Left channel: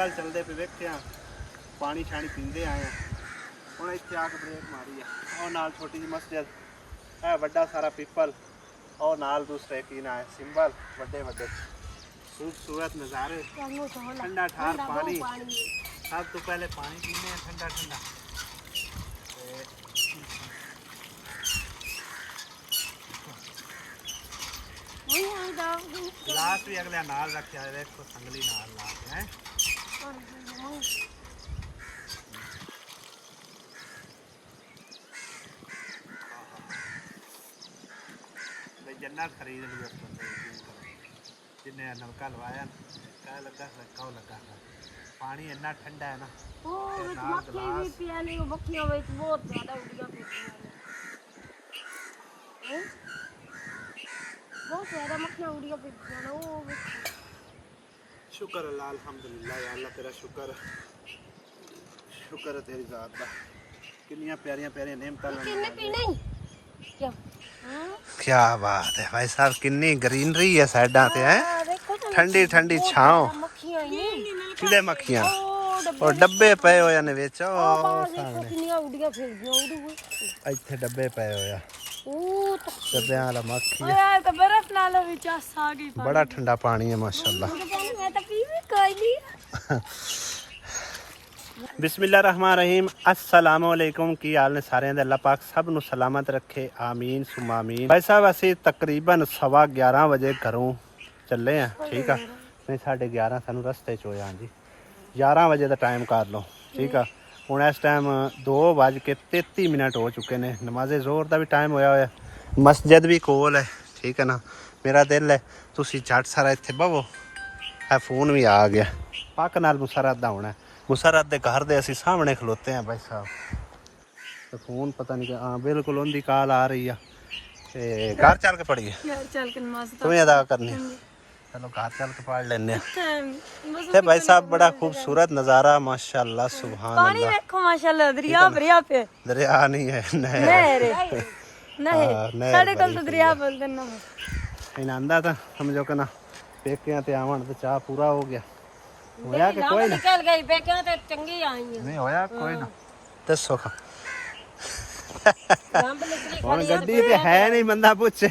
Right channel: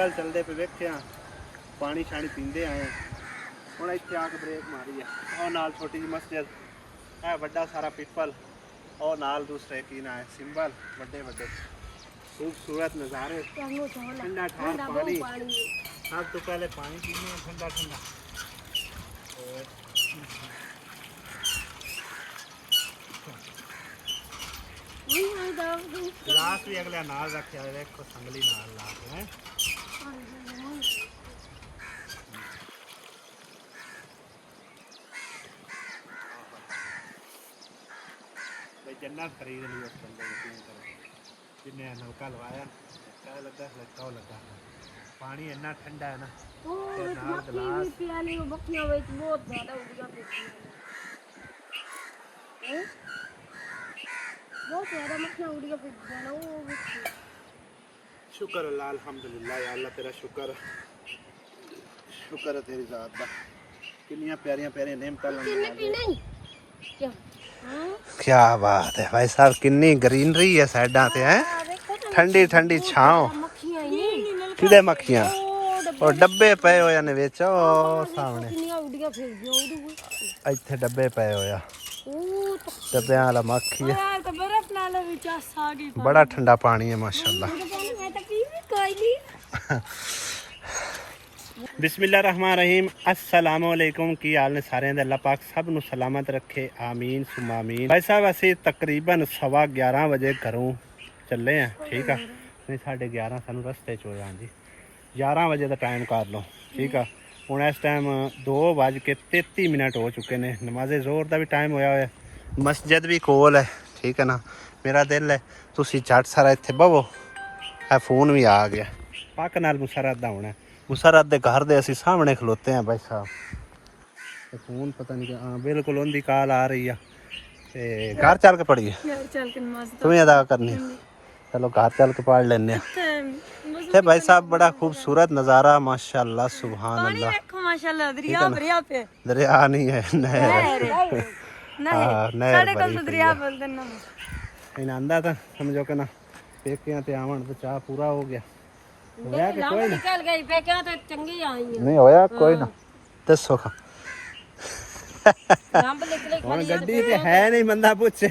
ਵੱਲ ਚੱਲਦੇ ਪਏ ਵੇਖਿਆ ਪਾਣੀ ਛਾਣੀ ਪੀਂਦੇ ਆਏ ਆ। ਹੁਣ ਇੱਥੇ ਆ ਕੇ ਬ੍ਰੇਕ ਮਾਰੀ ਆ। ਉਹ ਨਾਲ ਛੋਟੀ ਜਿਹੀ ਮਸਜਿਦ, ਇਹ ਵੱਡਾ ਸਾਰਾ ਪਿੱਪਲ, और नाल दूसरे की ना सिंबल बड़े बड़े खूबसूरत नज़ारे, ठंडा ठार पानी। सब तो पहले पानी पीने ठंडा ठंडा। गिलास भी अगले नाल रखे है, देखो संगली नाल ला के हैं। जन्नत खरीद ली उस बंदे, यकीन करो, जिन्हें नलका लवाया क्या लगा लगा लगा। पानी इतना ठंडा है ना, नाल गिलास बहुत ज्यादा मक्खियां उड़ गई। शुक्र अल्लाह, अल्हम्दुलिल्लाह या अल्लाह तेरा शुक्र, शुक्र है तेरी जात दा। कितनी प्यारियां प्यारियां नेमतां नवाज़े। क्या बात है भाई साहब, कितनी ग्रीनरी है साइडा ते हैं, ठंडी ठंडी छांव। किदे मक्खियां और डब्बे पे होया ने विच, ओ सामने इत्थे डब्बे पे होया, डब्बियां वाला मक्खी है। बड़ा ठंडा पानी है माशाल्लाह। बिस्मिल्लाहिर्रहमानिर्रहीम, अस्सलाम वालेकुम। की हाल ने सारे दे? अल्लाह पाक सब नू सलामत रखे, आमीन सुमा आमीन। भाई साहब असी तकरीबन 11:15 बजे घरों चले हैं, ठीक है। नहीं 11:30 सानू रस्ते च होया जी, 11 बजे का टाइम कर लो, ठीक है। हुण इस टाइम 2:33 हो चुके ने। नमाज़े जोर का भी टाइम होया होया, मस्जिद भी कोल है, ठीक है ना। मेरा दिल है तुसी झट सारा इत्थे बवो। है फोन भी आ गया, पक नाल मुसरत दा होना। मुसरत दे घर दे असी सामने खलोते हैं भाई साहब। तो फोन पता नहीं, हाँ बिल्कुल उनकी कॉल आ रही है। ते घर चल के पढ़िए, तुम्हें अदा करनी। चलो घर चल के पढ़ लेने। ते भाई साहब बड़ा खूबसूरत नज़ारा माशाल्लाह, सुभान अल्लाह। माशाल्लाह दरिया भरिया पे, दरिया नहीं है, नहर है। हाँ नहर दरिया बोलते ना। इन आंदा था समझो कि ना पेकियां ते आवन ते चाह पूरा हो गया। होया कि कोई ना निकल गई पेकियां ते चंगी आई है। नहीं होया कोई ना, दसो खा नंब निकले हुण गड्डी ते है नहीं, बंदा पूछे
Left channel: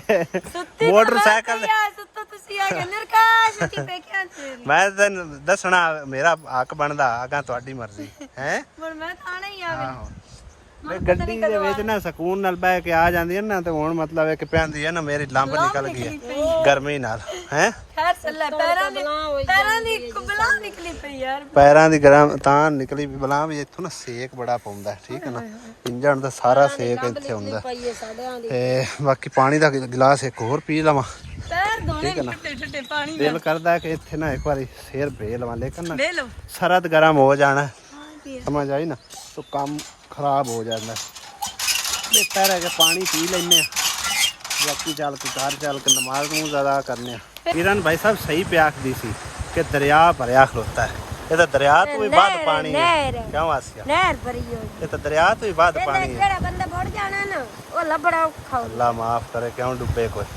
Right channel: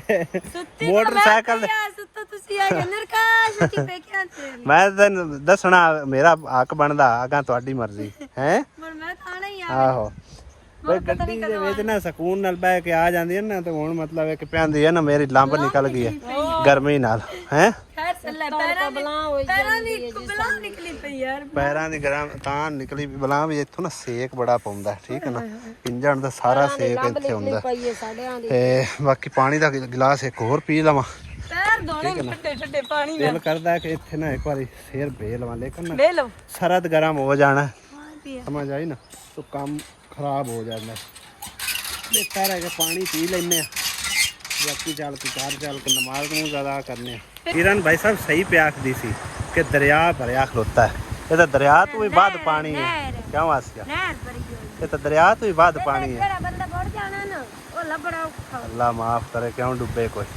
मोटरसाइकिल सुत्ता तुसी आ गए नरकाश की पेकियां ते। मैं तेन दसना मेरा हक बनदा, आगा तुहाडी मर्जी है। पर मैं तो आना ही आ। आहो भाई गड्डी दे विच ना सकून नाल बैठ के आ जांदी है ना, ते हुण मतलब है कि पैंदी है ना मेरी लंब निकल गई है गर्मी नाल हैं। खैर सल्ला पैरां दी बलां होई जांदी है, बलां निकली पई यार। पैरां दी गरम तां निकली बलां भी। इत्थों ना सेक बड़ा पौंदा, ठीक है ना। इंजन दा सारा सेक इत्थे हुंदा। ते बाकी पानी दा गिलास एक होर पी लवां, ठीक है ना। दिल करदा है कि इत्थे ना एक बारी सिर बे लवां, लेकिन ना सरद गर्म हो जाना, समझ आई ना, तो काम खराब हो जाता। बेहतर है कि पानी पी लेने, बाकी चल के घर चल के नमाज नूज अदा करने। किरण भाई साहब सही पे आखदी सी कि दरिया भरिया खलोता है। ये तो दरिया तो भी बाद पानी है, क्यों आसिया? ये तो दरिया तो भी बाद पानी है। अल्लाह माफ करे, क्यों डूबे कोई।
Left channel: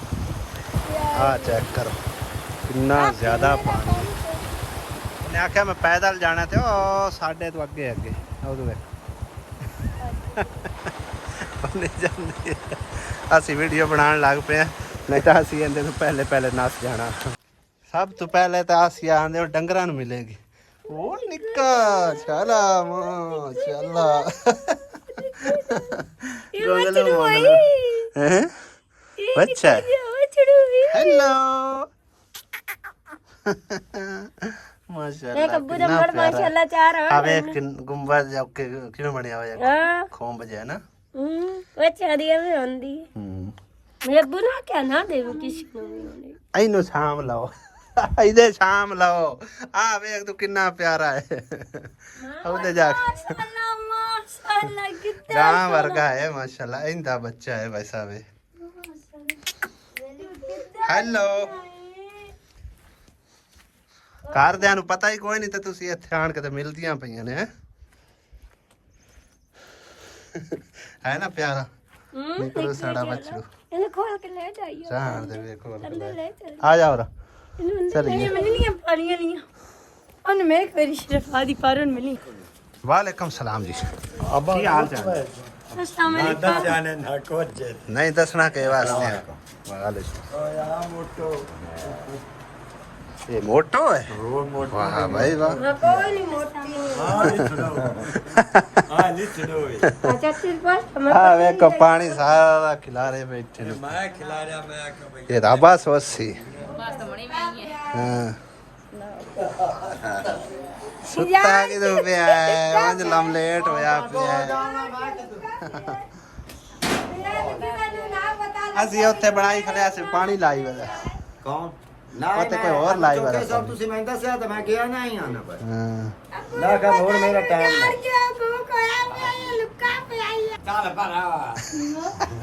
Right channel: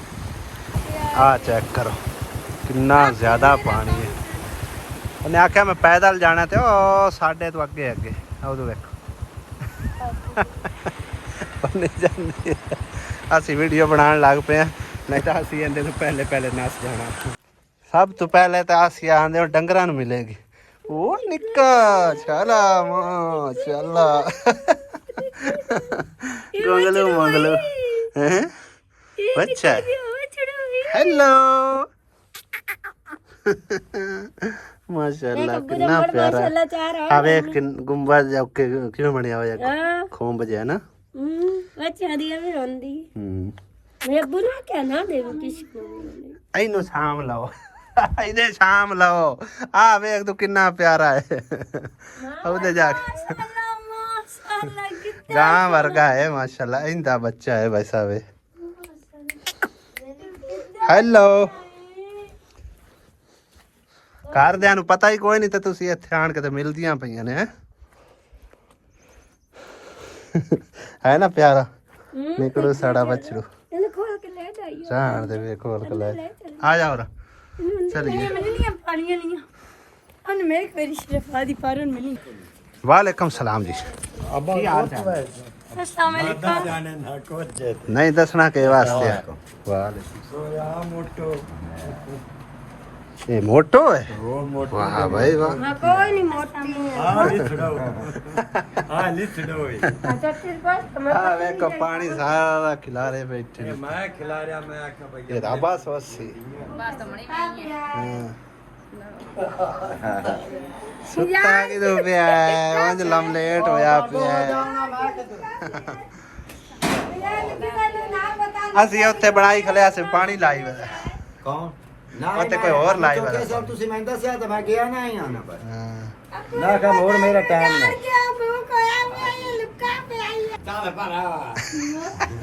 आ चेक करो कितना ज्यादा पानी है। उन्हें आख्या मैं पैदल जाना थे, ओ साढ़े तो अगे अगे उधर देखो असी वीडियो बनाने लग पे हैं, नहीं तो असी इहदे तो पहले पहले नस जाना। सब तो पहले तो असी आंदे डंगरां नूं मिलेगी। ओ निक्का चला मां चला गोंगलू मंगलू हैं बच्चा। हेलो माशाल्लाह कितना प्यारा। आवे गुंबद क्यों बनया होया खोम बजे है ना। अच्छा दिया में आंदी ये बुना क्या ना दे किसी को इनु शाम लाओ इधे शाम लाओ। आ वेख तू कितना प्यारा है। उधर जाके गां वर्गा है माशाल्लाह। इंदा बच्चा है भाई साहब। हेलो घरदियां नूं पता ही कोई नहीं, तो तुसी इत्थे आण के ते मिलदियां पईयां ने है ना प्यारा। निकलो साड़ा बछड़ू खोल के ले जाइए, जान दे वे खोल के ले आ जाओ रा चलिए। ਉਹਨੇ ਮੇਰੇ ਕੋਲ ਸ਼ਰਫਾ ਦੀ ਪਾਰਨ ਮਿਲੀ वालेकुम सलाम जी की हाल चाल नहीं दसना के वास्ते ये मोटो है वाह भाई वाह मैं कोई नहीं मोटा नहीं अच्छा तेरे पास हाँ वे का पानी सारा खिला रहे बैठे ने ये राबा सोसी हाँ सुता की तो पिया है वंज लमलेट होया पिया है ਅਸੀਂ ਉੱਥੇ ਬਣਾਈ ਖਲਿਆ ਸੀ ਪਾਣੀ ਲਾਈ ਵੇ ਕੌਣ ਉੱਥੇ ਕੋਈ ਹੋਰ ਲਾਈ ਵੇ ਕਿਉਂਕਿ ਸਭ ਤੁਸੀਂ ਮੈਨੂੰ ਦੱਸਿਆ ਤਾਂ ਮੈਂ ਗਿਆ ਨਾ ਹੀ ਆਣਾ ਬਸ ਨਾ ਕਰ ਹੋਰ ਮੇਰਾ ਟਾਈਮ यार जो भूख होया मैं लुका पे आई ਚੱਲ ਭਰਾ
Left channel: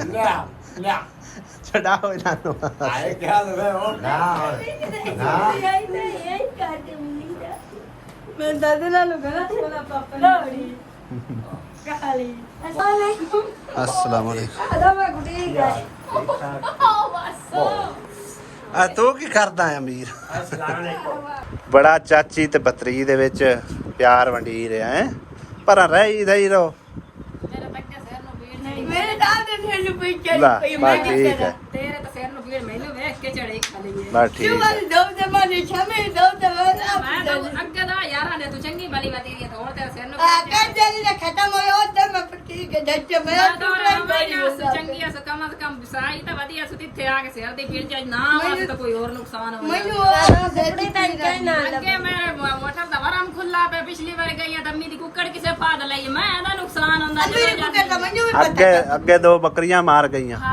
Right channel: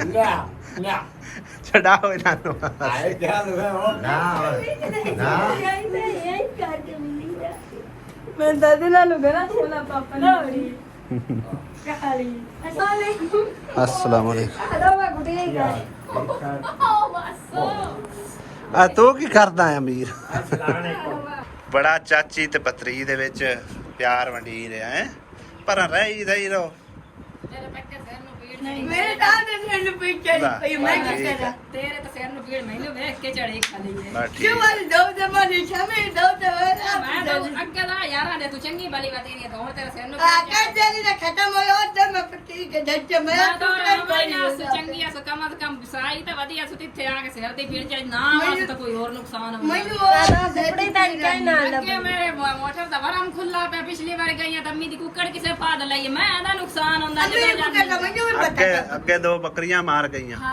ਲੈ ਲੈ ਛਡਾਓ ਇਹਨਾਂ ਨੂੰ ਆਏ ਕਿਆ ਲਵੇ ਉਹ ਨਾ यही करके मिली जा मैं दादी ना लुगरा चला पापा लोड़ी काली अस्सलाम वालेकुम अरे मैं गुटी गई ਆ ਤੂੰ ਕੀ ਕਰਦਾ ਹੈ ਅਮੀਰ ਬੜਾ ਚਾਚੀ ਤੇ ਬਤਰੀ ਦੇ ਵਿੱਚ ਪਿਆਰ ਵੰਡੀ ਰਿਹਾ ਹੈ ਪਰ ਰਹੀ ਰੋ मेरे दादी ने लुपी चली पई मैं क्या करा तेरे तो सिर नु भीड़ मैनू देख के चढ़ी खाली है ਬਸ ਠੀਕ क्यों ਹੈ। वाली दो जमाने छमे दो दवारा मैं तो अग्गे दा यारा ने तू चंगी भली बात है तो हुण तेरे सिर नु आका जल्दी ने खत्म होयो तो मैं पट्टी के धज्जे में मैं तो चंगी है कम से कम सराई तो वधिया सु तिथे आके सिर दी भीड़ जाए ना आवे तो कोई और नुकसान हो मैं सेटी तन कहना अग्गे मेरे मोटर दा वरम खुला पे पिछली बार गई दम्मी दी कुकड़ किसे फाद लई मैं दा नुकसान हुंदा ਅੱਗੇ ਦੋ ਬੱਕਰੀਆਂ ਮਾਰ ਗਈਆਂ हां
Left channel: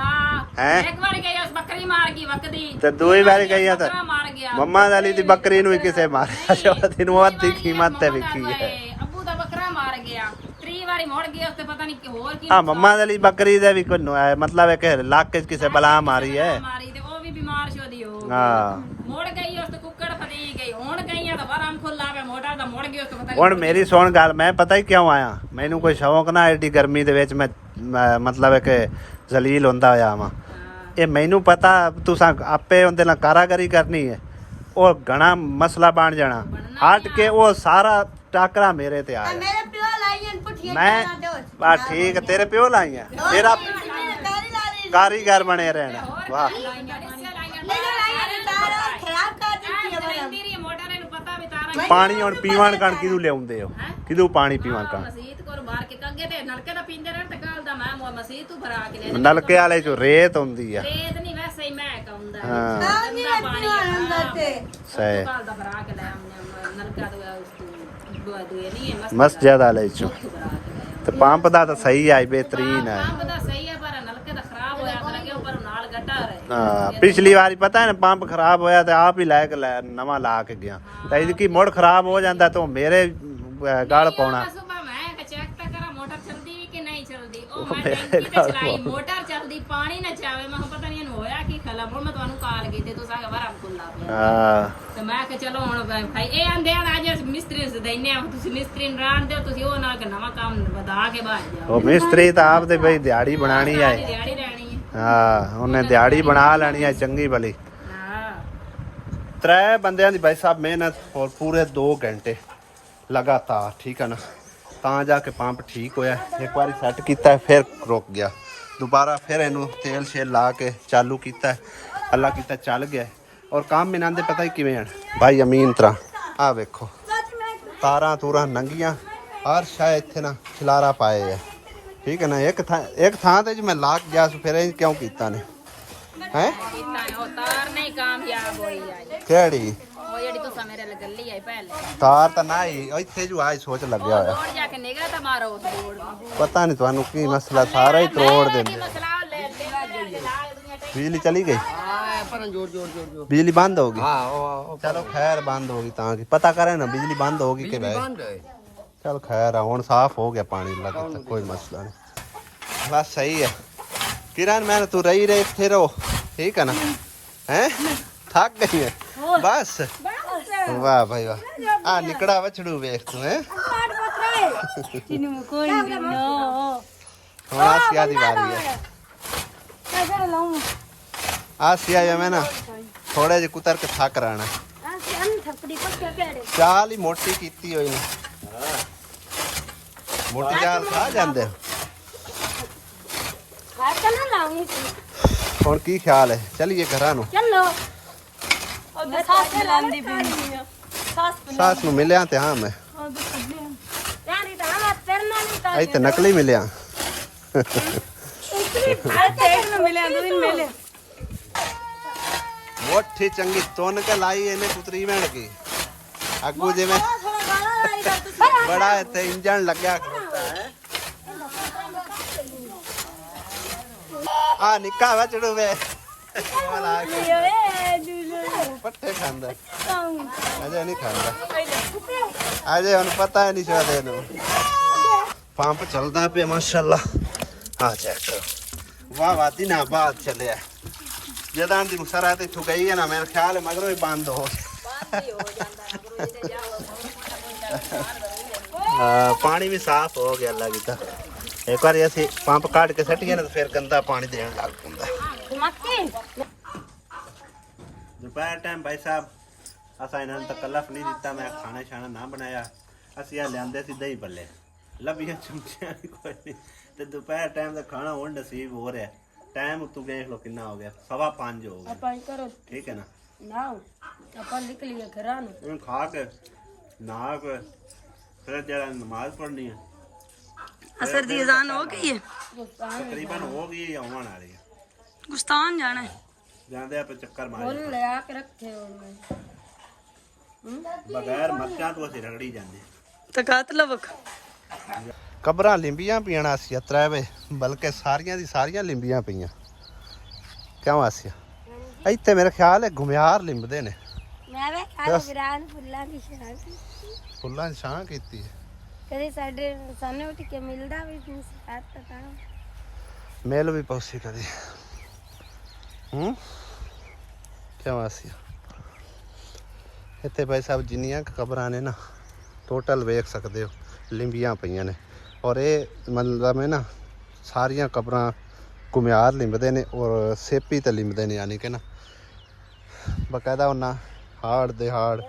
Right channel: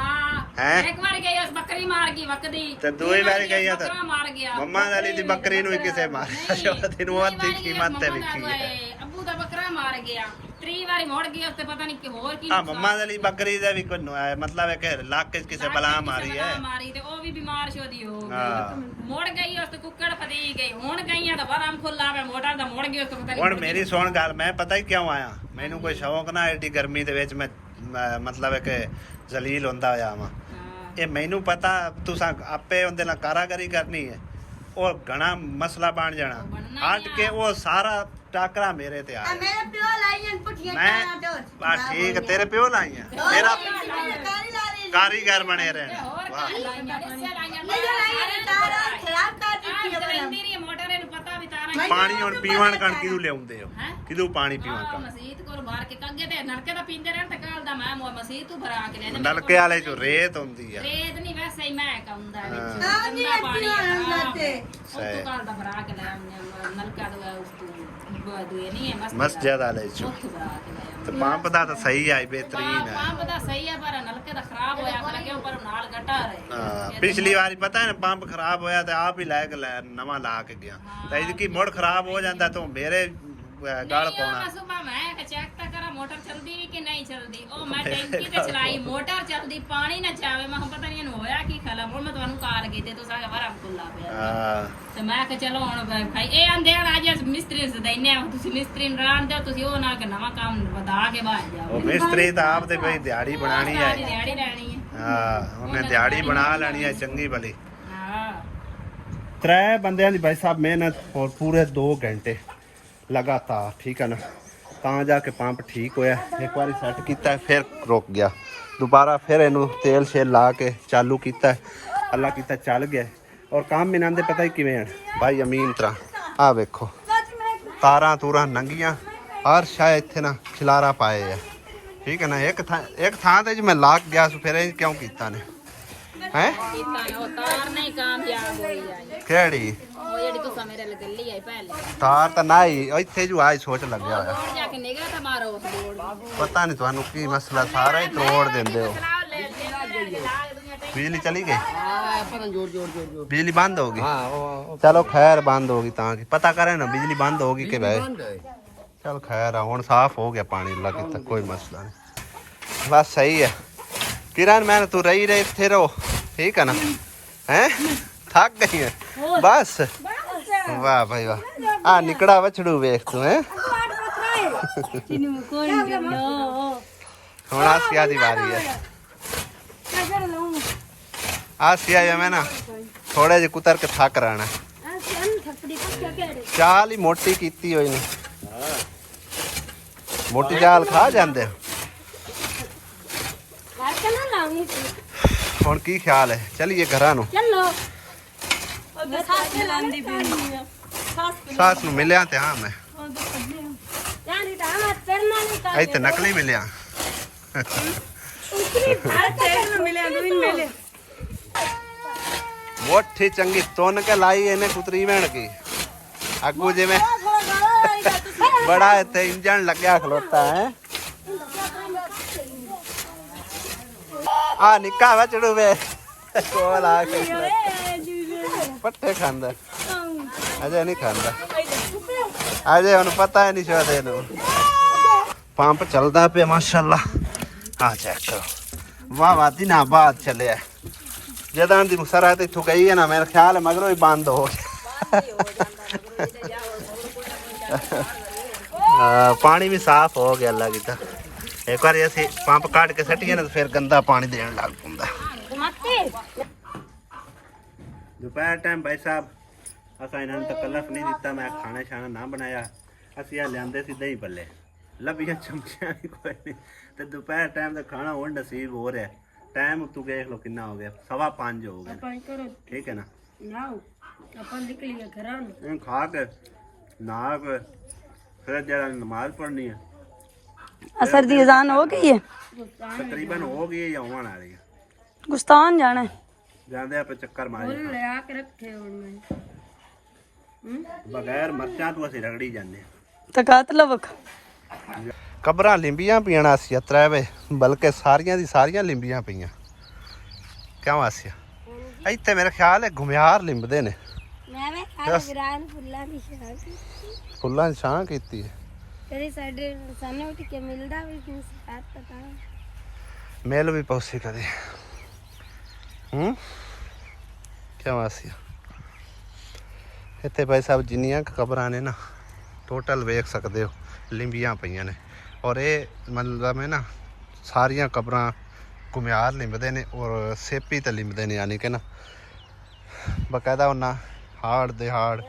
हैं? एक बार गई उस बकरी मार गई वकदी ਤੇ ਦੂਈ ਵਾਰ ਗਈਆਂ ਤਾਂ बकरा मार गया ਮੰਮਾ ਵਾਲੀ ਦੀ ਬੱਕਰੀ ਨੂੰ ਹੀ ਕਿਸੇ ਮਾਰਿਆ ਤੇ ਉਹਦੀ ਨੂੰ ਅੱਧੀ ਕੀਮਤ ਤੇ ਵਿਕੀ ਹੈ अबू दा बकरा मार गया 3 बारी मोड़ गया उससे पता नहीं कि और की ਹਾਂ ਮੰਮਾ ਵਾਲੀ ਬੱਕਰੀ ਦੇ ਵੀ ਕੋਈ ਮਤਲਬ ਹੈ ਕਿ ਇਲਾਕੇ 'ਚ ਕਿਸੇ ਬਲਾ ਮਾਰੀ ਹੈ मारी ते ओ भी बीमार शोदी हो गई ਹਾਂ मोड़ गई उस तो कुकड़ फदी गई हुन गई है तो वरम खुला पे मोटा दा मोड़ गई उस तो पता ਹੁਣ नहीं ਮੇਰੀ ਸੁਣ ਗੱਲ ਮੈਂ ਪਤਾ ਹੀ ਕਿਉਂ ਆਇਆ ਮੈਨੂੰ ਕੋਈ ਸ਼ੌਕ ਨਾ ਐਡੀ ਗਰਮੀ ਦੇ ਵਿੱਚ ਮੈਂ ਮਤਲਬ ਹੈ ਕਿ ਜ਼ਲੀਲ ਹੁੰਦਾ ਹੋਇਆ ਵਾਂ ਇਹ ਮੈਨੂੰ ਪਤਾ ਤੁਸੀਂ ਆਪੇ ਉਹਦੇ ਨਾਲ ਕਾਰਾਗਰੀ ਕਰਨੀ ਹੈ ਉਹ ਘਣਾ ਮਸਲਾ ਬਣ ਜਾਣਾ ਹਟ ਕੇ ਉਹ ਸਾਰਾ ਟਾਕਰਾ ਮੇਰੇ ਤੇ ਆ मेरे पियो लाइन पुठिया ਮੈਂ ਆ ਠੀਕ ਹੈ ਤੇਰੇ ਪਿਓ ਲਾਈਆਂ ਤੇਰਾ ਕਾਰੀਗਰ ਬਣੇ ਰਹਿਣਾ ਵਾਹ मोटर नु पता भी तारा ਪਾਣੀ ਹੁਣ ਪੀਵਣ ਕਣ ਕਿਹਨੂੰ ਲਿਆਉਂਦੇ ਹੋ ਕਿਹਨੂੰ ਪਾਣੀ ਪੀਵਣ ਕਣ मसीत को मार के कंगे ते नलके दा पींदे रहन ते काल दा मैं मसीत तू भरा के ले ਨਲਕੇ ਵਾਲੇ ਚ ਰੇਤ ਹੁੰਦੀ ਹੈ रेत नहीं वैसे ही मैं कहूंदा है हाँ। गंदा पानी सही। काल दा भरा के ले नलका तो उस दुए नहीं है ਮਸਜਿਦ ਵਾਲੇ ਚ ਉੱਥੋਂ ਭਰਾ ਕੇ ਲੈ ਤੇ ਪੰਪ ਦਾ ਤਾਂ ਸਹੀ ਆਈ ਬਿਹਤਰੀਨ ਹੈ ਪੰਪ ਦਾ ਸਹੀ ਹੈ ਪਰ ਨਲਕੇ ਦਾ ਖਰਾਬ ਹੋਇਆ ਕਰ ਗਿਆ ਪਰ ਨਾਲ ਗੱਟਾ ਰਹੇ ਹਾਂ ਪਿਛਲੀ ਵਾਰੀ ਪਤਾ ਹੈ ਨਾ ਪੰਪ ਖਰਾਬ ਹੋਇਆ ਤੇ ਆਪ ਹੀ ਲੈ ਕੇ ਨਵਾਂ ਲਾ ਕੇ ਗਿਆ ਤਾਂ ਇਹਦੀ ਕੀ ਮੁੜ ਖਰਾਬ ਹੋ ਜਾਂਦਾ ਤਾਂ ਮੇਰੇ ਗਲ ਪਾਉਣਾ ਸੁਬਾ ਮੈਂ ਚੈੱਕ ਤਾਂ ਕਰਾਂ ਮੋਟਰ ਚੱਲਦੀ ਕਿ ਨਹੀਂ ਚੱਲਦੀ ਉਹ ਮੈਂ ਟੈਂਕੀ ਤੇ ਚਲਾਈ ਮੋਟਰ ਚੱਲਦੀ ਪਾਣੀ ਨਾ ਚਾਵੇ ਮੈਂ ਪਤਾ ਨਹੀਂ ਇਹਨੂੰ ਹੋਇਆ ਕੀ ਖਲਾ ਹੁਣ ਮੈਂ ਤੁਹਾਨੂੰ ਕਾਲ ਗਈ ਤੇ ਤੂੰ ਸਾਗਾ ਵਰਮ ਕੁੱਲਾ ਪਿਆ ਹਾਂ ਤੇ ਮੈਂ ਕਿ ਚਲੋ ਹੁਣ ਭਾਈ ਇਹ ਆਂਦੇ ਹਨ ਅੱਜ ਮਿਸਤਰੀ ਨੂੰ ਦੇਨੇ ਆ ਤੁਸੀਂ ਮਿਸਤਰੀ ਨੂੰ ਰਾਣ ਦਿਓ ਤੁਸੀਂ ਉਹ ਨਾਲ ਕਿ ਨਵਾਂ ਕੰਮ ਵਧਾ ਕੇ ਬਾਹਰ ਜਾਓ ਉਹ ਮਿਸਤਰੀ ਤਾਂ ਆਪ ਤੇ ਬਈ ਦਿਹਾੜੀ ਬਣਾਣੀ ਹੈ ਦਿਹਾੜੀ ਰਹਿਣੀ ਹੈ ਹਾਂ ਉਹਨੇ ਦਿਹਾੜੀ ਬਣਾ ਲੈਣੀ ਹੈ ਚੰਗੀ ਭਲੀ ਹਾਂ त्रै बंदियां दी भाई साहब मेहनत और पूरे 2 घंटे लगातार ठीक है ना ਤਾਂ ਜਾ ਕੇ ਪੰਪ ਠੀਕ ਹੋਇਆ ਇੱਕ ਵਾਰੀ ਸੈੱਟ ਕੀਤਾ ਫਿਰ ਰੁਕ ਗਿਆ ਦੁਬਾਰਾ ਫਿਰ ਇਹਨੂੰ ਤੇਲ ਸ਼ੇਲ ਲਾ ਕੇ ਚਾਲੂ ਕੀਤਾ ਅੱਲਾ ਕੀਤਾ ਚੱਲ ਗਿਆ ਔਰ ਕੰਮ ਇਹਨਾਂ ਦੇ ਪਤਾ ਹੀ ਕਿਵੇਂ ਹਨ ਭਾਈ ਅਮੀਨ ਤਰ੍ਹਾਂ ਆ ਵੇਖੋ ਤਾਰਾਂ ਤੂਰਾਂ ਨੰਗੀਆਂ ਹਰ ਸ਼ਾਇਦ ਇੱਥੇ ਨਾ ਖਿਲਾਰਾ ਪਾਏ ਆ ਠੀਕ ਹੈ ਨਾ ਇੱਕ ਥਾਂ ਤੇ ਜੇ ਮੈਂ ਲਾ ਕੇ ਗਿਆ ਸੀ ਫਿਰ ਇਹ ਕਿਉਂ ਕੀਤਾ ਨੇ ਹੈ ਕੀਤਾ ਨੇ ਉਹ ਤਾਰ ਨਹੀਂ ਕਾਮਯਾਬ ਹੋਈ ਆਈ ਕਿਹੜੀ ਉਹ ਜਿਹੜੀ ਤੁਸੀਂ ਮੇਰੇ ਲੱਗਲੀ ਆਈ ਪਹਿਲੇ ਤਾਰ ਤਾਂ ਨਾ ਹੀ ਇੱਥੇ ਜੋ ਆਈ ਸੋਚ ਲੱਗਿਆ ਹੋਇਆ ਤੋੜ ਜਾ ਕੇ ਨਿਗਾਹ ਤਾਂ ਮਾਰੋ ਉਸ ਬੋਰਡ ਨੂੰ ਪਤਾ ਨਹੀਂ ਤੁਹਾਨੂੰ ਕੀ ਮਸਲਾ ਸਾਰਾ ਹੀ ਤੋੜ ਦਿੰਦੇ ਹੋ ਬਿਜਲੀ ਚਲੀ ਗਈ ਹਾਂ ਪਰ ਜੋਰ ਬਿਜਲੀ ਬੰਦ ਹੋ ਗਈ ਹਾਂ ਉਹ ਚਲੋ ਖੈਰ ਬੰਦ ਹੋ ਗਈ ਤਾਂ ਕੀ ਪਤਾ ਕਰੇ ਨਾ ਬਿਜਲੀ ਬੰਦ ਹੋ ਗਈ ਕਿ ਵੈ ਬੰਦ ਹੈ ਚਲ ਖੈਰ ਆ ਹੁਣ ਸਾਫ਼ ਹੋ ਗਿਆ ਪਾਣੀ ਲੱਗੇ ਤਾਂ ਕੋਈ ਮਸਲਾ ਨਹੀਂ ਬਸ ਸਹੀ ਹੈ ਕਿਰਨ ਮੈਂ ਤੂੰ ਰਹੀ ਇੱਥੇ ਰਹੋ ਠੀਕ ਹੈ ਨਾ ਹੈ ਥੱਕ ਗਈ ਹੈ ਬਸ ਵਾਹ ਭਾਈ ਵਾਹ ਆ ਨਿਕੜਾ ਵਛੜੂ ਵੇਖ ਤੂੰ ਹੈ ਕਿਨੂੰ ਕੋਈ ਨਹੀਂ ਹੁਣ ਆਸਿਆ ਦੀ ਵਾਰੀ ਹੈ कैसे लाऊं आसिया या मैं ना थोड़े जे कुतर के थक रहना अन थपड़ी को ਚਾਲ ਹੀ ਮੋਟੀ ਕੀਤੀ ਹੋਈ ਨੇ ਮੋਟੀ ਚਾਲ ਖਾ ਜਾਂਦੇ ਆ। ਹੁਣ ਕੀ ਖਿਆਲ ਹੈ ਚਲੀਏ ਘਰਾਂ ਨੂੰ ਸਾਸ ਨੂੰ ਮਿਲਿਆ ਤੇ ਹਾਂ ਮੈਂ ਇੱਥੇ ਨਕਲੀ ਮਿਲਿਆ ਮੋਟੀ ਚੰਗੀ ਤੁੰਨ ਕੇ ਲਾਈ ਇਹਨੇ ਕੁਤਰੀ ਭੈਣ ਕੀ ਅੱਗੂ ਜਿਵੇਂ ਬੜਾ ਇੱਥੇ ਇੰਜਣ ਲੱਗਿਆ ਖਲੋਤਾ ਹੈ ਆ ਨਿੱਕਾ ਵਾ ਚੜੂ ਵੇ ਕੋਲ ਆ ਕੇ ਪੱਠੇ ਖਾਂਦਾ ਅਜੇ ਨਹੀਂ ਖਾਂਦਾ ਅਜੇ ਉਹਨੂੰ ਪਤਾ ਹੀ ਨਹੀਂ ਸ਼ਾਇਦ ਇਹਨੂੰ ਪੰਪ ਚੱਲਦਾ ਪਿਆ ਮਾਸ਼ਾਅੱਲਾ ਆ ਚੈੱਕ ਕਰੋ ਵਾਹ ਵਾਹ ਦਿਨਾਂ ਬਾਅਦ ਚੱਲਿਆ ਜਦੋਂ ਦੀ ਮੁਸਰਾਤ ਇੱਥੋਂ ਗਈ ਹੈ ਨਾ ਮੇਰਾ ਖਿਆਲ ਹੈ ਮਗਰੋਂ ਹੀ ਬੰਦ ਹੋ ਗਿਆ ਪਾਣੀ ਵੀ ਸਾਫ਼ ਹੋ ਗਿਆ ਅੱਲਾ ਕੀਤਾ ਇੱਕ ਵਾਰੀ ਅਸੀਂ ਪੰਪ ਕੱਢ ਕੇ ਸੱਟੀਏ ਨਾ ਫਿਰ ਗੰਦਾ ਪਾਣੀ ਦੇਣ ਲੱਗ ਪੈਂਦਾ ਦੁਪਹਿਰ ਟਾਈਮ ਭਾਈ ਸਾਹਿਬ ਅਸਾਂ ਇਹਨਾਂ ਨੂੰ ਤਕੱਲਫ ਨਹੀਂ ਦਿੱਤਾ ਮੈਂ ਖਾਣਾ ਛਾਣਾ ਨਾ ਬਣਾਇਆ ਅਸੀਂ ਆ ਲਿਆਂਦੇ ਸੀ ਦਹੀਂ ਭੱਲੇ ਲੱਭੀਆਂ ਚਮਚਿਆਂ ਵੀ ਕੋਈ ਨਹੀਂ ਤੇ ਦੁਪਹਿਰ ਟਾਈਮ ਦਾ ਖਾਣਾ ਹੁਣ ਨਸੀਬ ਹੋ ਰਿਹਾ ਟਾਈਮ ਤੂੰ ਦੇਖ ਲੋ ਕਿੰਨਾ ਹੋ ਗਿਆ 5:15 ਹੋ ਗਿਆ ਠੀਕ ਹੈ ਨਾ ਆਪਾਂ ਨਿਕਲੀਏ ਘਰਾਂ ਨੂੰ ਇਹਨੂੰ ਖਾ ਕੇ ਨਹਾ ਕੇ ਫਿਰ ਜਿਹੜਾ ਨਮਾਜ਼ ਪੜ੍ਹਨੀ ਹੈ असर दी अजान हो गई है तकरीबन हो गई है या होने वाली है गुस्तान जाना है ਜਾਂਦੇ ਆਪੇ ਚੱਕਰ ਮਾਰੀ ले आके रखे और ਬਗੈਰ ਮਰਚਾਂ ਤੋਂ ਅਸੀਂ ਰਗੜੀ ਜਾਂਦੇ तकात लवक ਕਬਰਾਂ ਲਿੰਬੀਆਂ ਪੀਣਾ ਸੀ ਅਤਰਾ ਵੇ ਬਲਕਿ ਸਾਰੀਆਂ ਦੀ ਸਾਰੀਆਂ ਲਿੰਬੀਆਂ ਪਈਆਂ ਕਿਉਂ ਆਸਿਆ ਇੱਥੇ ਮੇਰੇ ਖਿਆਲ ਹੈ ਘੁਮਿਆਰ ਲਿੰਬਦੇ ਨੇ मैं वे खाली विरान फुल्ला की शान ਫੁੱਲਾਂ ਦੀ ਛਾਂ ਕੀਤੀ ਹੈ कभी साडे सामने उठ के मिलदा भी साथ पता ਮੇਲ ਵੀ ਪੌਸੀ ਕਦੇ ਕਿਉਂ ਆਸਿਆ ਇੱਥੇ ਭਾਈ ਸਾਹਿਬ ਜਿੰਨੀਆਂ ਕਬਰਾਂ ਨੇ ਨਾ ਟੋਟਲ ਵੇਖ ਸਕਦੇ ਹੋ ਲਿੰਬੀਆਂ ਪਈਆਂ ਨੇ ਔਰ ਇਹ ਮਤਲਬ ਹੈ ਨਾ ਸਾਰੀਆਂ ਕਬਰਾਂ ਘੁਮਿਆਰ ਲਿੰਬਦੇ ਨੇ ਔਰ ਸੇਪੀ ਤੇ ਲਿੰਬਦੇ ਨੇ ਯਾਨੀ ਕਿ ਨਾ ਬਕਾਇਦਾ ਉਹਨਾਂ ਹਾੜ ਦੇ ਹਾੜ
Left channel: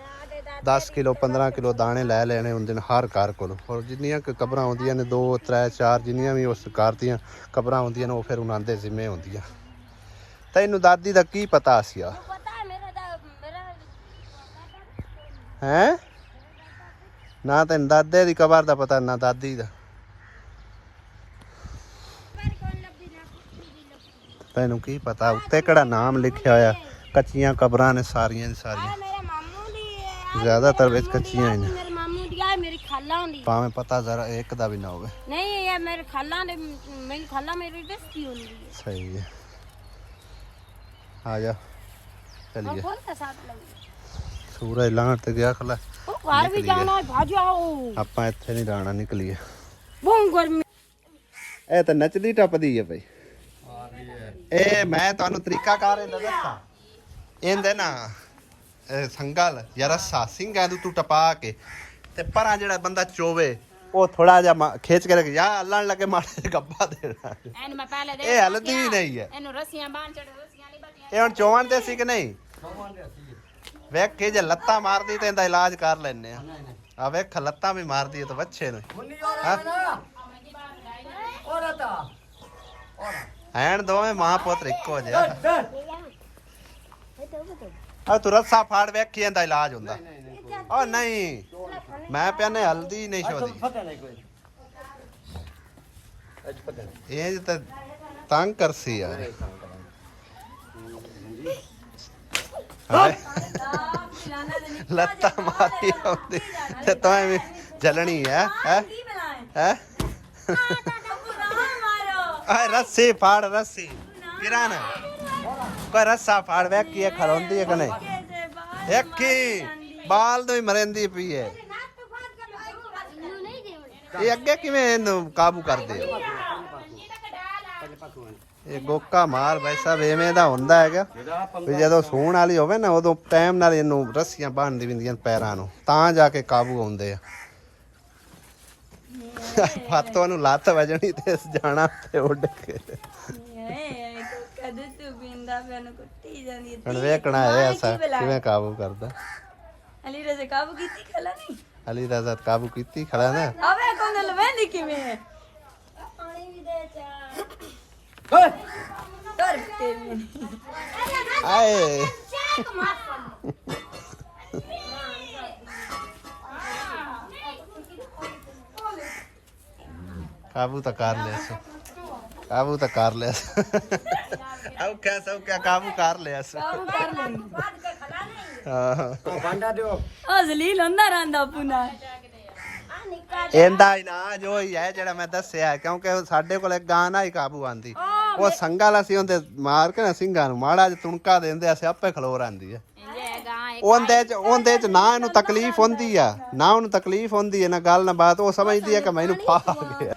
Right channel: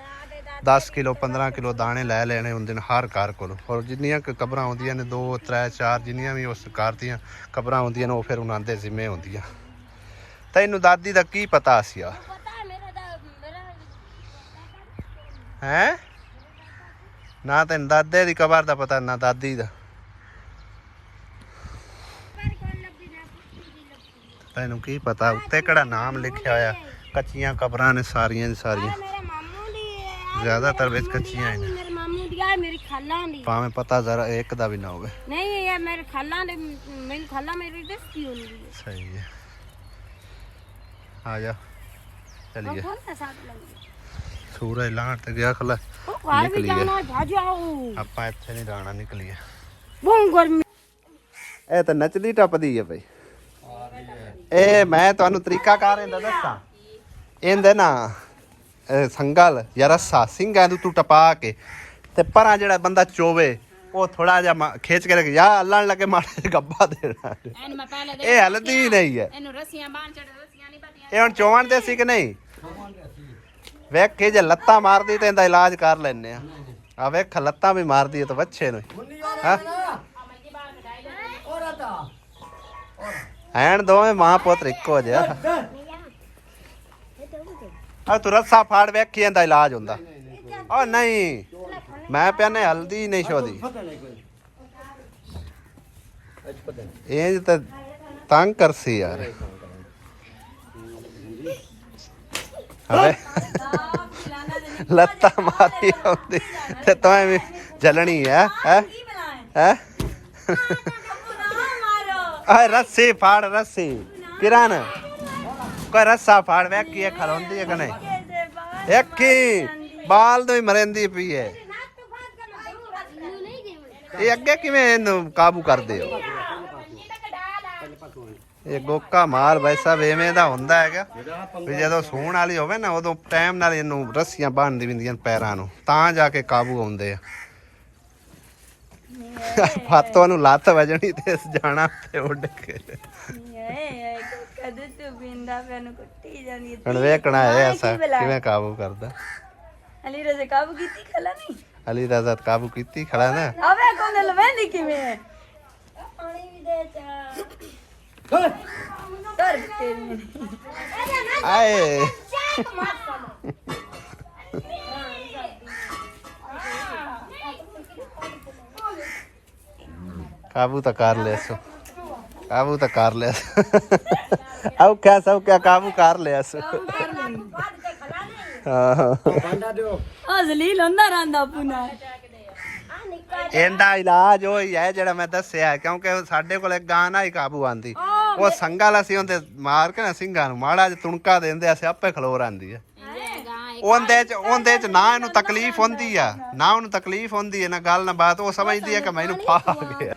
10 ਕਿਲੋ 15 ਕਿਲੋ ਦਾਣੇ ਲੈ ਲੈਣੇ ਹੁੰਦੇ ਨੇ ਹਰ ਘਰ ਕੋਲੋਂ ਔਰ ਜਿੰਨੀਆਂ ਕਬਰਾਂ ਆਉਂਦੀਆਂ ਨੇ 2 3 4 ਜਿੰਨੀਆਂ ਵੀ ਉਸ ਘਰ ਦੀਆਂ ਕਬਰਾਂ ਆਉਂਦੀਆਂ ਨੇ ਉਹ ਫਿਰ ਉਹਨਾਂ ਦੇ ਜ਼ਿੰਮੇ ਹੁੰਦੀਆਂ ਤੈਨੂੰ ਦਾਦੀ ਦਾ ਕੀ ਪਤਾ ਸੀ ਆ ਹੈ ਨਾ ਤੈਨੂੰ ਦਾਦੇ ਦੀ ਕਬਰ ਦਾ ਪਤਾ ਨਾ ਦਾਦੀ ਦਾ ਤੈਨੂੰ ਕੀ ਪਤਾ ਉੱਤੇ ਕਿਹੜਾ ਨਾਮ ਲਿਖਿਆ ਹੋਇਆ ਕੱਚੀਆਂ ਕਬਰਾਂ ਨੇ ਸਾਰੀਆਂ ਦੀ ਸਾਰੀਆਂ ਜ਼ਿਆਦਾਤਰ ਵਿੱਚ ਕੱਚੀਆਂ ਹੀ ਨੇ मेरे मामू दी आ मेरी खाला दी ਭਾਵੇਂ ਪਤਾ ਜ਼ਰਾ ਇੱਕ ਦਾ ਵੀ ਨਾ ਹੋਵੇ नहीं ये मेरे खाला दे मेरी खाला मेरी दस्ती होंदी है सही है आ जा चलिए कौन सा साथ लग सूरज लाण ते गया खला ओ बाहर भी जाना है भाजो आओ ਆਪਾਂ ਇੱਥੇ ਨਹੀਂ ਜਾਣਾ ਨਿਕਲੀਏ बहुत गर्मी ਇਹ ਤਾਂ ਨੱਚਦੀ ਟੱਪਦੀ ਹੈ ਬਈ ਇਹ ਮੈਂ ਤੁਹਾਨੂੰ ਤਰੀਕਾ ਕਾਰ ਇਹਦਾ ਦੱਸਾਂ ਇਹਦੇ ਨਾ ਸੰਗਲ ਜਾਂ ਰੱਸਾ ਸਿੰਘਾਂ ਨੂੰ ਤੂੰ ਟਪਾ ਕੇ ਤੇ ਪਰਾਂ ਜਿਹੜਾ ਬੰਦਾ ਚੋਵੇ ਉਹ ਥੋੜਾ ਜਿਹਾ ਖਿੱਚ ਕੇ ਰੱਖ ਜਾ ਅੱਲਣ ਲੱਗੇ ਮਾੜੇ ਗੱਬਾ ਦੇਣਾ ਇਹਨੂੰ ਮੈਂ ਪਹਿਲੇ ਦੇ ਇਹ ਹਲਦੀ ਨਹੀਂ ਹੈ ਇਹਨੂੰ ਰੱਸੀਆਂ ਬਾਂਹ ਚੜ ਰੱਸੀਆਂ ਨਹੀਂ ਬੱਟੀਆਂ ਇਹ ਹੁਣ ਚੋਵਣ ਦੇ ਸੀ ਕਿ ਨਹੀਂ ਵੇਖ ਕੇ ਜੇ ਲੱਤਾਂ ਮਾਰਦੀ ਤੇ ਇਹਦਾ ਇਲਾਜ ਕਰ ਲੈਣੇ ਆ ਵੇਖ ਲੱਤਾਂ ਵੀ ਮਾਰਦੀ ਹੈ ਤਾਂ ਬੱਚੇ ਨੂੰ ਹਾਂ ਐਨ ਦੋਵੇਂ ਮਾਂ ਪੁੱਤ ਇੱਕੋ ਜਿਹਾ ਆ ਤੂੰ ਰੱਸਾ ਫਾੜ ਵੇਖੀ ਇਹਦਾ ਇਲਾਜ ਹੁੰਦਾ ਓ ਨਹੀਂ ਮੈਂ ਪਿਆ ਨੇ ਹਲਦੀ ਨਹੀਂ ਛੋਦੀ ਇਹ ਤਾਂ ਤੰਗ ਕਰਸੀ ਯਾਰ ਹਾਂ ਲੱਤਾਂ ਮਾਰੀ ਆਉਂਦੀ ਤੇ ਤੂੰ ਵੀ ਜਲਣੀ ਹੈ ਹੈ ਆ ਰੱਸੀ ਫਾੜ ਰੱਸੀ ਕਿਰਨ ਕੋਈ ਰੱਸਾ ਫਾੜ ਵੇਖੀ ਇਹ ਖਲੋਂਦੀ ਹੈ ਕਿ ਨਹੀਂ ਇੱਕੀ ਬਾਲ ਤੋਂ ਹੀ ਮਰਿੰਦੀ ਪਈ ਹੈ ਇਹ ਅੱਗੇ ਕਿਵੇਂ ਇਹਨੂੰ ਕਾਬੂ ਕਰਦੇ ਹੋ ਇਹ ਗੋਕਾ ਮਾਲ ਵੈਸਾ ਐਵੇਂ ਦਾ ਹੁੰਦਾ ਹੈਗਾ ਵੀ ਜਦੋਂ ਸੂਣ ਵਾਲੀ ਹੋਵੇ ਨਾ ਉਦੋਂ ਟਾਈਮ ਨਾਲ ਇਹਨੂੰ ਰੱਸੀਆਂ ਬੰਨ੍ਹਦੀ ਹੁੰਦੀਆਂ ਪੈਰਾਂ ਨੂੰ ਤਾਂ ਜਾ ਕੇ ਕਾਬੂ ਆਉਂਦੇ ਆ ਫਾਤੋਂ ਨੂੰ ਲੱਤ ਵਜਣੀ ਤੇ ਜਾਣਾ ਤੇ ਉੱਡ ਕੇ ਹੁਣ ਵੇਖਣਾ ਹੈ ਐਸਾ ਕਿਵੇਂ ਕਾਬੂ ਕਰਦਾ ਕਾਬੂ ਕੀਤੀ ਖਲਾ ਨਹੀਂ ਅਲੀ ਰਾਜ਼ਾ ਕਾਬੂ ਕੀਤੀ ਖੜਾ ਨਾ ਆਵੇ ਕੋਲ ਲਵੇਂਦੀ ਕਿਵੇਂ ਹੈ ਪਾਣੀ ਵੀ ਦੇ ਚਾ ਓਏ ਕਰ ਕੇ ਆਏ काबू तो कर ले सो काबू तो कर ले अब क्या सब क्या काबू कर ले सो ਬਾਂਡਾ ਦਿਓ ਆ ਜ਼ਲੀਲ ਹੁੰਦਾ ਰਹਿੰਦਾ ਪੁਨਾ ਇਹਦਾ ਇਲਾਜ ਉਹ ਹੀ ਹੈ ਜਿਹੜਾ ਮੈਂ ਦੱਸਿਆ ਕਿਉਂਕਿ ਸਾਡੇ ਕੋਲ ਇੱਕ ਗਾਂ ਨਾ ਹੀ ਕਾਬੂ ਆਂਦੀ ਉਹ ਸੰਗਾ ਲਾ ਸੀ ਉਹਦੇ ਮਾਰ ਕੇ ਨਾ ਸਿੰਘਾਂ ਨੂੰ ਮਾੜਾ ਜਿਹਾ ਤੁਣਕਾ ਦਿੰਦੇ ਅਸੀਂ ਆਪੇ ਖਲੋਰ ਆਂਦੀ ਹੈ ਉਹਦੇ ਚ ਨਾ ਇਹਨੂੰ ਤਕਲੀਫ ਹੁੰਦੀ ਆ ਨਾ ਉਹਨੂੰ ਤਕਲੀਫ ਹੁੰਦੀ ਹੈ ਨਾ ਗੱਲ ਨਾ ਬਾਤ ਉਹ ਸਮਝਦੀ ਹੈ ਕਿ ਮੈਨੂੰ ਫਾ ਗਿਆ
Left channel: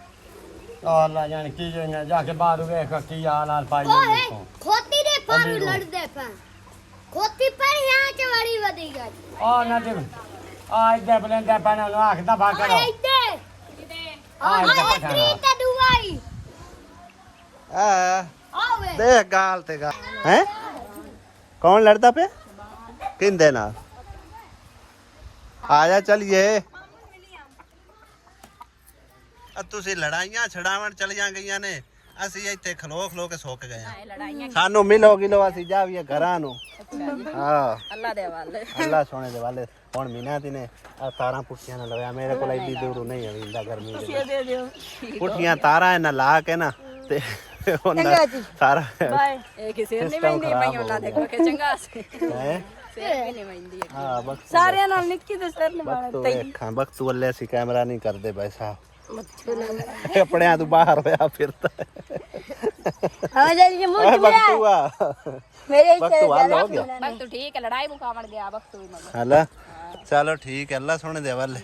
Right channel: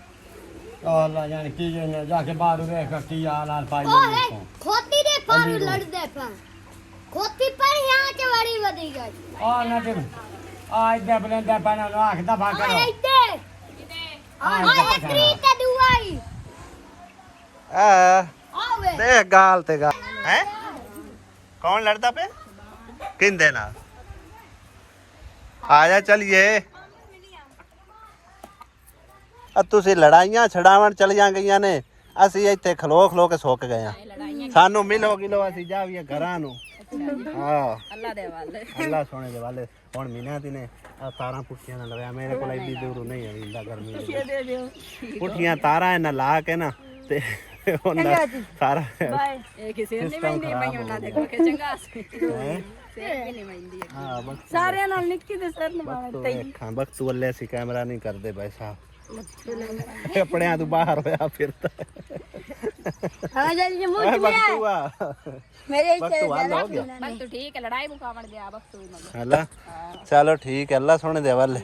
ਅੱਲਾ ਜਾਣ ਕੀ ਜੋ ਜਾ ਕੇ ਬਾਹਰ ਵੇਖ ਕੀ ਹਾਲ ਹਾਲ ਪਾਈ ਜਾਂਦੇ ਖੋਤੀ ਦੇ ਪਰ ਲੜਦੇ ਪਾ ਖੋਤੀ ਪਰ यहाँ के बड़ी बदी गई ਆ ਨਾ ਦੇ ਆ ਇੱਧਰ ਬਲੰਦਾ ਪਾਣਾ ਨੂੰ ਆਖਦਾ ਭਾ ਕਰੋ ਇੱਥੇ ਆ ਇੱਧਰ ਤਰੀ ਤੇ ਦੁਆਈ ਆ ਆਵੇ ਦੇਖ ਗਾਲ ਤੇ ਗਾ ਹੈ ਕੌਣ ਲੜਦਾ ਪਿਆ ਕਿੰਦੇ ਨਾਲ ਆ ਜਾ ਚਲੀਏ ਆ ਤੁਸੀਂ ਲੜਾਈਆਂ ਛਡਾਵਣ ਚਲੀਆਂ ਗਈਆਂ ਨੇ ਅਸੀਂ ਇੱਥੇ ਖਲੋ ਖਲੋ ਕੇ ਸੁੱਕ ਗਏ ਆ ਸਾਨੂੰ ਮਿਲੋ ਗਿਲੋ ਅਸੀਂ ਜਾਵੀਏ ਘਰਾਂ ਨੂੰ ਹਾਂ ਅੱਲਾ ਸੋਹਣੇ ਦੇ ਵਾਲੇ ਹੁਣ ਮਹੀਨਾ ਦੀ ਨੇ ਆ ਤਾਰਾਂ ਪੁੱਠੀਆਂ ਨਾਲ ਲਗਾਇਆ ਮੇਰੇ ਕੋਲ ਐਡੀ ਦੂਰ ਨਹੀਂ ਆਉਂਦਾ ਗਰਮੀ ਦੇ ਦੇ ਦਿਓ ਪੁੱਠੀਆਂ ਤਾਰਾਂ ਇਹਨਾਂ ਲਾ ਕੇ ਨਾ ਤੇ ਉਹਨਾਂ ਸਾਰਾ ਇਹ ਕਿਸੇ ਸਿਸਟਮ ਖਰਾਬ ਹੋ ਗਿਆ ਚੰਗਾ ਸੀ ਹੈਂ? ਨਹੀਂ ਵੰਦੀ ਹਾਂ ਬਸ ਸਾਰਿਆਂ ਨਾਲ ਨਿੱਕੀ ਤੇ ਸਰ ਨੇ ਬਸ ਤੂੰ ਵੇਖਾਂ ਬਸ ਤੂੰ ਅੱਲੇ ਅਸੀਂ ਕੈਮਰਾ ਨਹੀਂ ਕਰਦੇ ਭਾਈ ਸਾਹਿਬ ਕੱਪੜਿਆਂ ਤੋਂ ਬਾਹਰ ਹੋਇਆ ਫਿਰਦਾ ਹਾਂ ਜੀ ਓਏ ਬਖਤੂਆ ਮੇਰੇ ਬਖਤੂ ਹਾਲ ਹੋ ਗਿਆ ਬਸ ਤੂੰ ਠੀਕ ਹੈ ਲੜਾਈ ਮੁਕਾਵਣ ਗਿਆ ਵਕਤ ਵੀ ਮਤਲਬ ਹਲਾ ਚਲੋ ਠੀਕ ਹੈ ਅੱਲਾ ਸੋਹਣੇ ਦੇ ਵਾਲੇ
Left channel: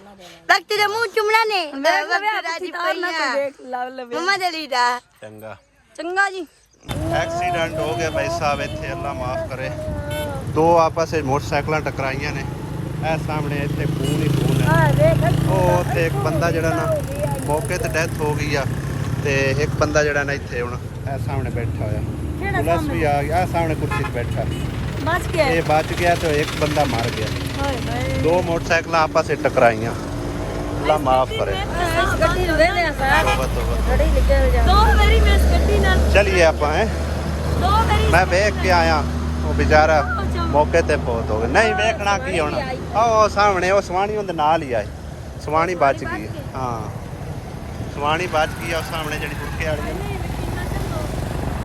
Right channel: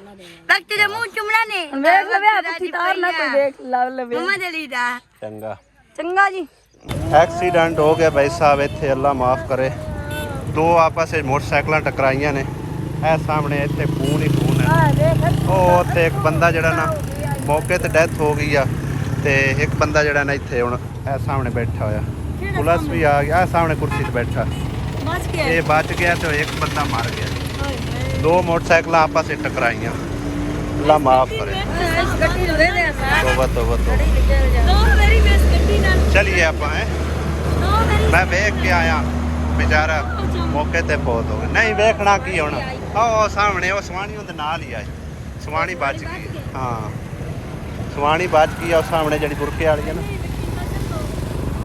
ਤੱਕ ਤੇਰੇ ਮੂੰਹ ਚੁੰਮਣਾ ਨੇ ਮੈਂ ਵੀ ਤਾਰ ਨਾ ਕੋ ਦੇਖ ਲਵ ਲਵੇ ਮਮਾ ਦਲੀ ਦਾ ਚੰਗਾ ਚੰਗਾ ਜੀ ਐਕਸੀਡੈਂਟ ਹੋ ਗਿਆ ਭਾਈ ਸਾਹਿਬ ਇੱਥੇ ਅੱਲਾ ਮਾਫ ਕਰੇ ਦੋ ਆਪਸ ਵਿੱਚ ਮੋਟਰਸਾਈਕਲਾਂ ਟਕਰਾਈਆਂ ਨੇ ਇਹ ਸਾਹਮਣੇ ਇੱਥੇ ਖੂਨ ਹੀ ਖੂਨ ਹੈ ਆ ਦੇਖ ਉਹ ਤੇ ਇੱਕ ਬੰਦਾ ਜਿਹੜਾ ਨਾ ਮੌਕੇ ਤੇ ਡੈਥ ਹੋ ਗਈ ਆ ਤੇ ਇੱਕ ਬੰਦਾ ਜਿਹੜਾ ਨਾ ਇੱਥੇ ਹੁਣ ਇਹ ਸਾਹਮਣੇ ਬੈਠਾ ਹੋਇਆ ਪੁਲਿਸ ਵੀ ਆ ਗਿਆ ਸਾਹਮਣੇ ਕੁਰਸੀ ਤੇ ਬੈਠਾ ਬਸ ਕੇ ਇਹ ਬਚ ਗਿਆ ਤੇ ਇੱਕ ਬੰਦਾ ਮਰ ਗਿਆ ਹਾਏ ਹਾਏ ਦੋ ਮੋਟਰਸਾਈਕਲਾਂ ਆਪਸ ਵਿੱਚ ਟਕਰਾਈਆਂ ਅੱਲਾ ਮਾਫ ਕਰੇ ਗੱਡੀ ਨੂੰ ਰਹਿੰਦੇ ਆ ਤੋਬਾ ਤੋਬਾ ਤੋਬਾ ਦੋ ਮੇਰੀ ਮਿਸ ਗੱਡੀ ਨਾਲ ਚਲਿਏ ਆਪਾਂ ਦੋ ਮੇਰੀ ਮੈਂ ਵੇਖ ਕੇ ਆਇਆ ਉਹ ਵਿਚਾਰਾ ਮੌਕੇ ਤੇ ਫੌਤ ਹੋ ਗਿਆ ਨਹੀਂ ਵੇਖਣਾ ਕੀ ਹੋਣਾ ਉਹ ਸਾਹਮਣੇ ਉਹ ਸਵਾਣੀ ਉਹਦੇ ਨਾਲ ਹੀ ਆਈ ਸਵਾਣੀ ਬਚ ਗਈ ਹਾਂ ਸਵਾਣੀ ਬਚ ਗਈ ਆ ਉਹ ਸਾਹਮਣੇ ਜਿਹੜੀ ਗੁਰਕੇ ਵਾਲੀ ਹੈ ਨਾ